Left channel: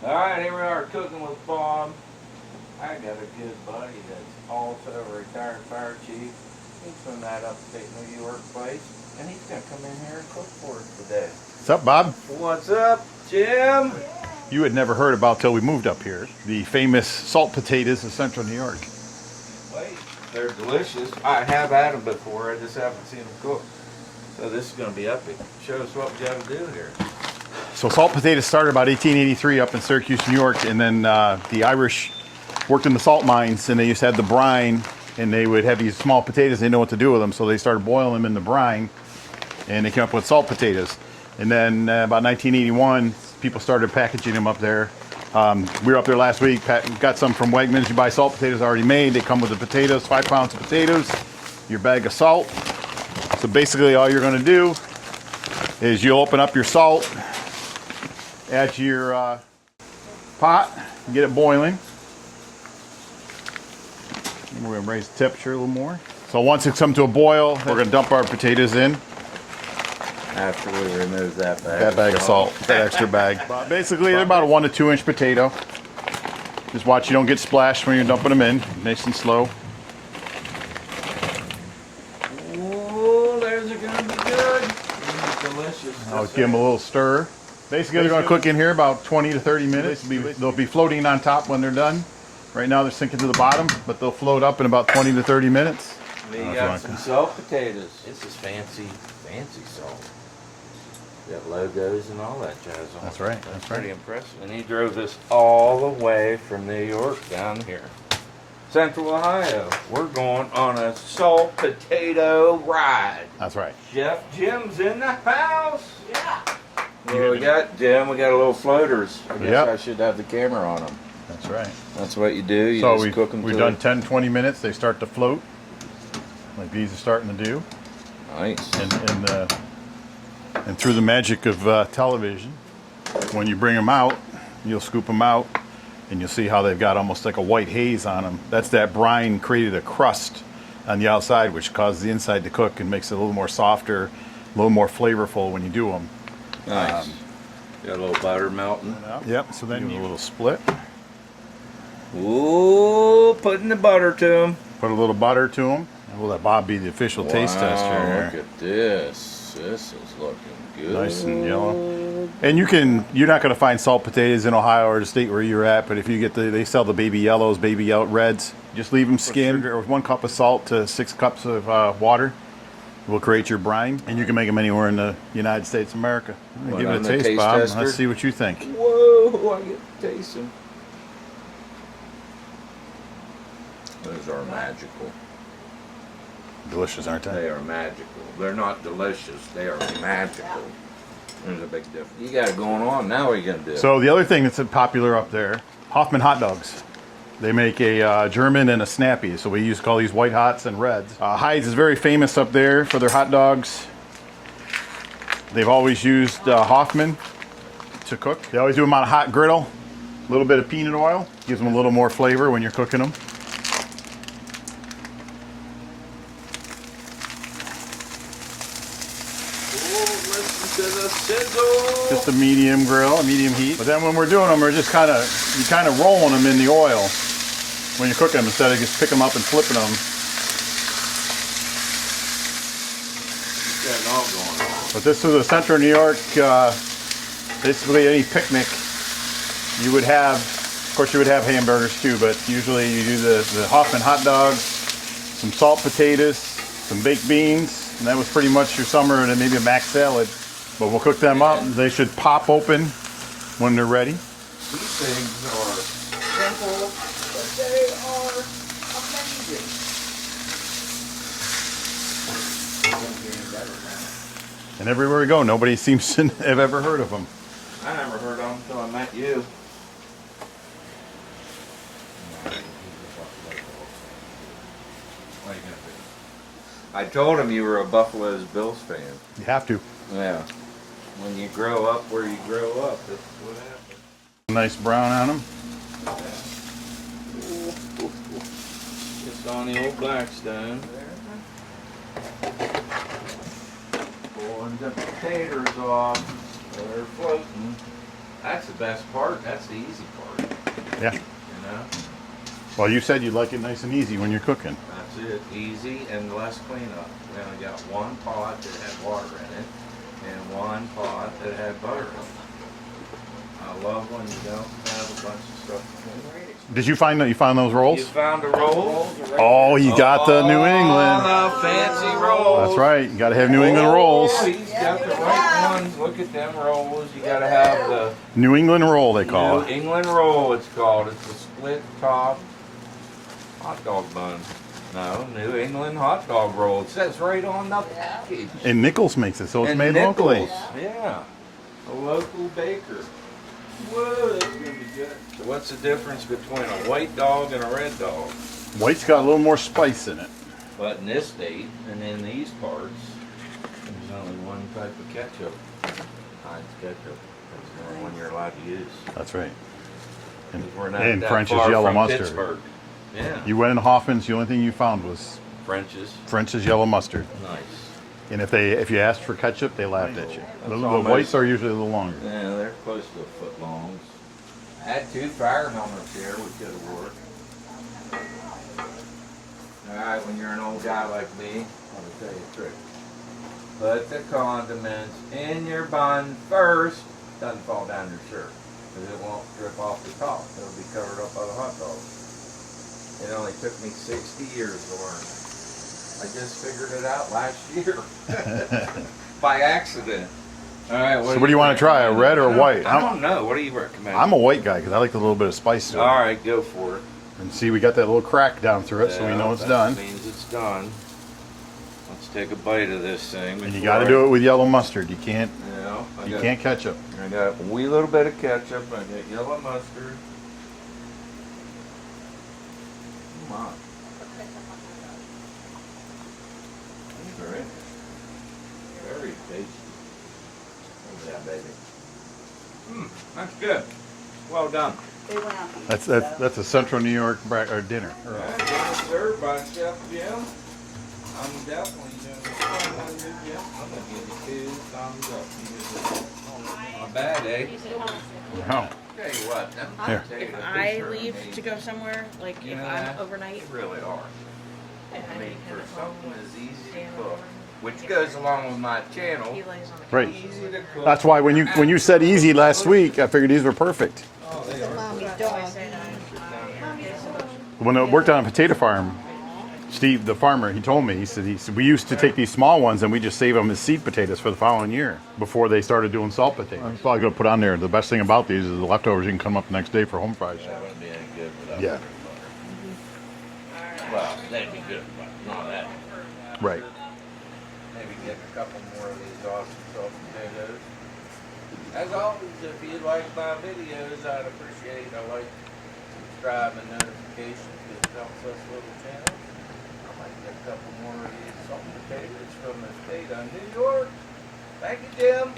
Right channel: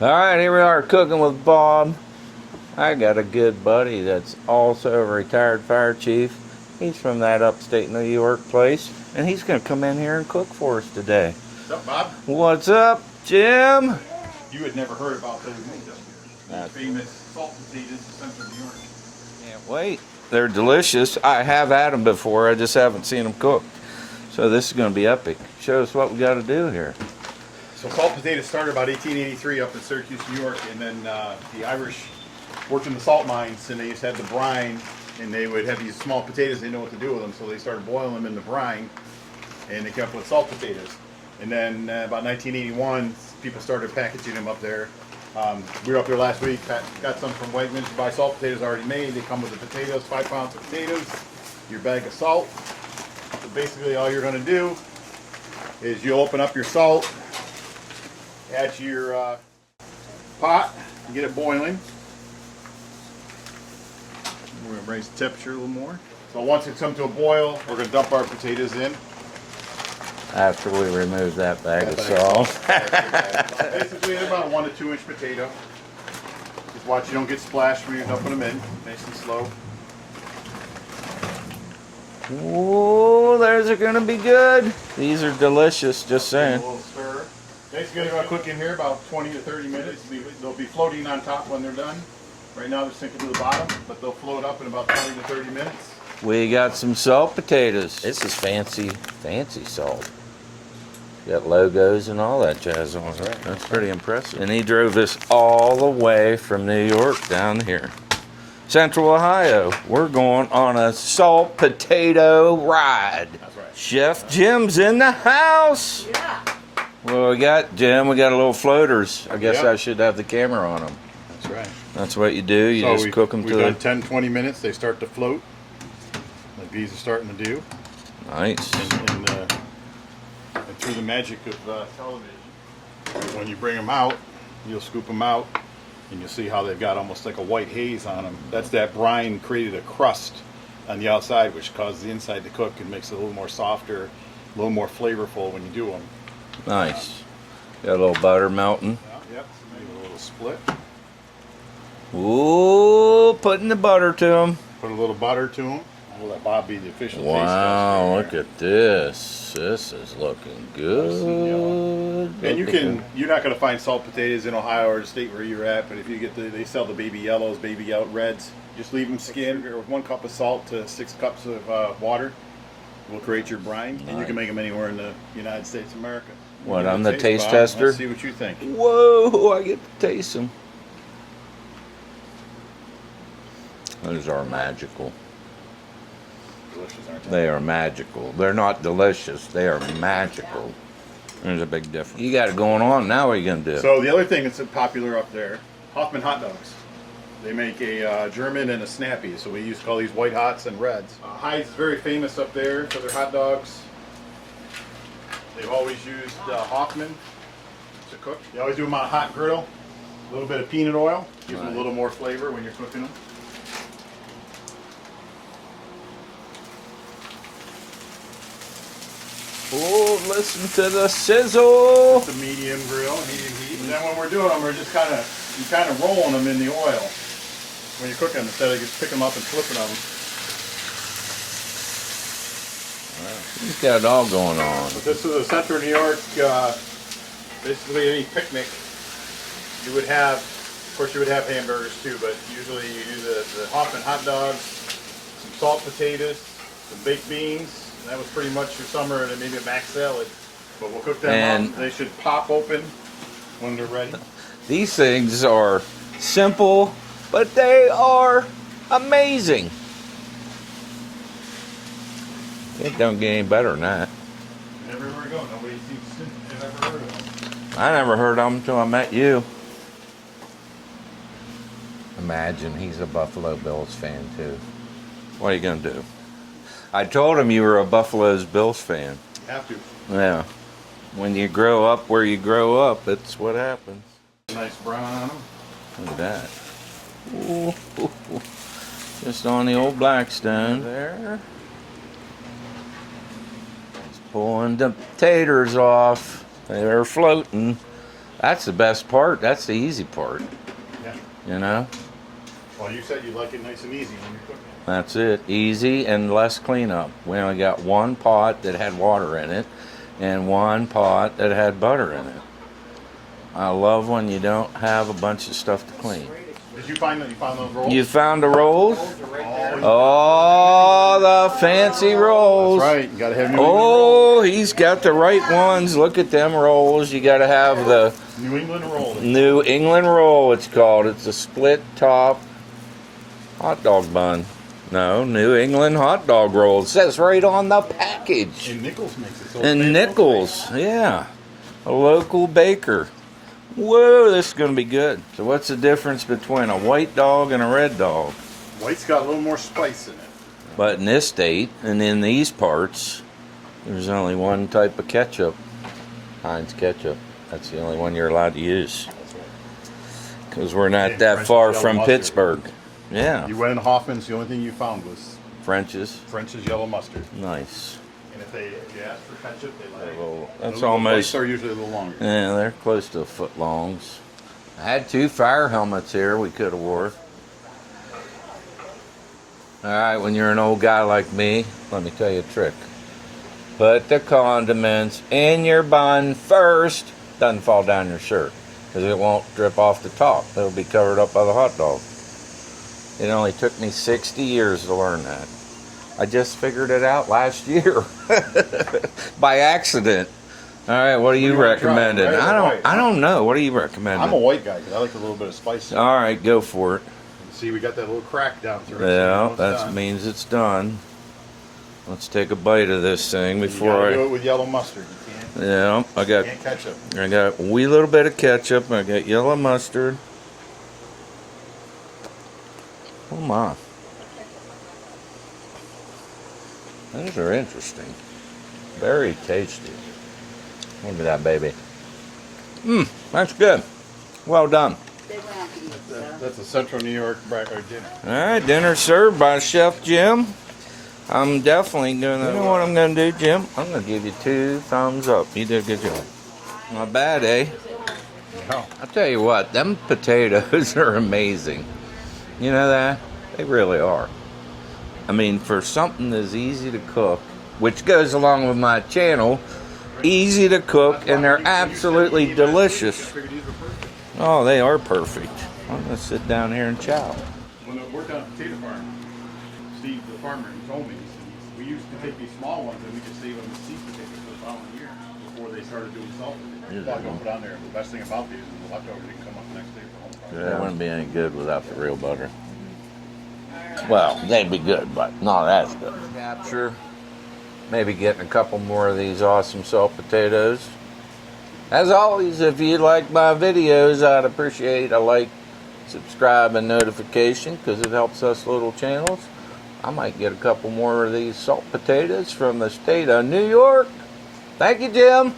Alright, here we are cooking with Bob. I got a good buddy that's also a retired fire chief. He's from that upstate New York place, and he's going to come in here and cook for us today. What's up, Bob? What's up, Jim? You had never heard about till we moved up here. The famous salt potatoes of central New York. Can't wait. They're delicious. I have had them before, I just haven't seen them cooked. So this is going to be epic. Show us what we got to do here. So salt potatoes started about 1883 up in Syracuse, New York, and then the Irish worked in the salt mines, and they used to have the brine, and they would have these small potatoes. They didn't know what to do with them, so they started boiling them in the brine, and they came up with salt potatoes. And then about 1981, people started packaging them up there. We were up there last week, got some from Waymans. You buy salt potatoes already made. They come with the potatoes, 5 pounds of potatoes, your bag of salt. So basically all you're gonna do is you'll open up your salt, add your pot, get it boiling. And we're gonna raise the temperature a little more. So once it's come to a boil, we're gonna dump our potatoes in. After we remove that bag Of salt, that extra bag. Basically, they're about a 1 to 2 inch potato. Just watch you don't get splashed when you're dumping them in. Nice and slow. Oh, those are going to be good. These are delicious, just Give them a saying. little stir. Basically, they're going to cook in here about 20 to 30 minutes. They'll be floating on top when they're done. Right now, they're sinking to the bottom, but they'll float up in about 20 to 30 minutes. We got some salt potatoes. This is fancy salt. Got logos and all that jazz on That's it. right. That's pretty impressive. And he drove this all the way from New York down here. Central Ohio. We're going on a salt potato ride. That's right. Chef Jim's in the house. Yeah. What do we got, Jim? We got a little floaters. I guess Yep. I should have the camera on them. That's right. That's what you do. You So just cook them we've to done the... 10, 20 minutes. They start to float, like these are starting to do. Nice. And through the magic of television, when you bring them out, you'll scoop them out, and you'll see how they've got almost like a white haze on them. That's that brine created a crust on the outside, which causes the inside to cook and makes it a little more softer, a little more flavorful when you do them. Nice. Got a little butter melting. Yep. So then you a little split. Ooh, putting the butter to them. Put a little butter to them. We'll let Bob be the official taste tester. Look at this. This is looking good. Nice and yellow. And you're not going to find salt potatoes in Ohio or the state where you're at, but if you get they sell the baby yellows, baby yellow reds. Just leave them skimmed, or with 1 cup of salt to 6 cups of water will create your brine, and you can make them anywhere in the United States of America. What, Give it a I'm the taste Bob. tester? Let's see what you think. Whoa, I get to taste them. Those are magical. Delicious, aren't they? They are magical. They're not delicious. They are magical. There's a big difference. You got it going on. Now what are you going to do? So the other thing that's popular up there, Hoffman Hot Dogs. They make a German and a snappy, so we call these white hots and reds. Hyde's is very famous up there for their hot dogs. They've always used Hoffman to cook. They always do them on a hot griddle. A little bit of peanut oil gives them a little more flavor when you're cooking them. Oh, listen to the sizzle. Just a medium grill, a medium heat. But then when we're doing them, we're just kind of rolling them in the oil when you're cooking them instead of just picking them up and flipping them. He's got it all going on. But this is a central New York, basically any picnic you would have. Of course, you would have hamburgers too, but usually you do the Hoffman hot dogs, some salt potatoes, some baked beans, and that was pretty much your summer, and then maybe a mac salad. But we'll cook them out. They should pop open when they're ready. These things are simple, but they are amazing. It don't get any better than that. And everywhere we go, nobody seems to have ever heard of them. I never heard of them until I met you. Imagine he's a Buffalo Bills fan too. What are you gonna do? I told him you were a Buffalo Bills fan. You have to. Yeah. When you grow up where you grow up, that's what happens. Nice brown on them. Look at that. Ooh. Just on the old Blackstone there. Pulling the potatoes off. They're floating. That's the best part. That's the easy part. Yeah. You know? Well, you said you'd like it nice and easy when you're cooking. That's it. Easy and less cleanup. We only got one pot that had water in it and one pot that had butter in it. I love when you don't have a bunch of stuff to clean. Did you find that you found those rolls? You found the rolls? Oh, you got the New England. Oh, the fancy rolls. That's right. You got to have New England rolls. Oh, he's got the right ones. Look at them rolls. You got to have the New England roll, they call New it. England roll, it's called. It's a split top hot dog bun. No, New England hot dog roll. It says right on the package. And Nichols makes it, so it's And made locally. Nichols, yeah. A local baker. Whoa, this is going to be good. So what's the difference between a white dog and a red dog? White's got a little more spice in it. But in this state and in these parts, there's only one type of ketchup. Heinz ketchup. That's the only one you're allowed to use. That's right. Because we're not And that French's far yellow from mustard. Pittsburgh. Yeah. You went in Hoffman's, the only thing you found was French's. French's yellow mustard. Nice. And if you asked for ketchup, they laughed at you. That's The almost- whites are usually a little longer. Yeah, they're close to foot longs. I had 2 fire helmets here we could have wore. Alright, when you're an old guy like me, let me tell you a trick. Put the condiments in your bun first. Doesn't fall down your shirt. Because it won't drip off the top. It'll be covered up by the hot dog. It only took me 60 years to learn that. I just figured it out last year. By accident. Alright, what So do what you do you wanna try, recommend? red or white? I don't know. What do you recommend? I'm a white guy because I like a little bit of spice. in it. Alright, go for it. And see, we got that little crack down through it, so we know it's that done. means it's done. Let's take a bite of this thing You before got to I- do it with yellow mustard. You can't Yeah, can't ketchup. I got a wee little bit of ketchup. I got yellow mustard. Oh my. Those are interesting. Very tasty. Look at that baby. That's good. Well done. That's a Central New York dinner. All right, dinner served by Chef Jim. I'm definitely gonna. You know what I'm gonna do, Jim? I'm gonna give you 2 thumbs up. You did a good job. Not bad, eh? No. I'll tell you what, them potatoes are amazing. You know that? They really are. I mean, for something as easy to cook, which goes along with my channel, Right. easy to cook. That's why and when you said they're easy last delicious. week, I figured these were perfect. Oh, they are perfect. I'm gonna sit down here and chow. When I worked on a potato farm, Steve, the farmer, he told me, he said we used to take these small ones and we just save them as seed potatoes for the following year before they started doing salt potatoes. That's all I got to put on there. The best thing about these is the leftovers you can come up the next day for home fries. They wouldn't be any good without Yeah. the real butter. Well, they'd be good, but not as good. Sure. Maybe getting a couple more of these awesome salt potatoes. As always, if you like my videos, I'd appreciate a like, subscribe, and notification because it helps us little channels. I might get a couple more of these salt potatoes from the state of New York. Thank you, Jim.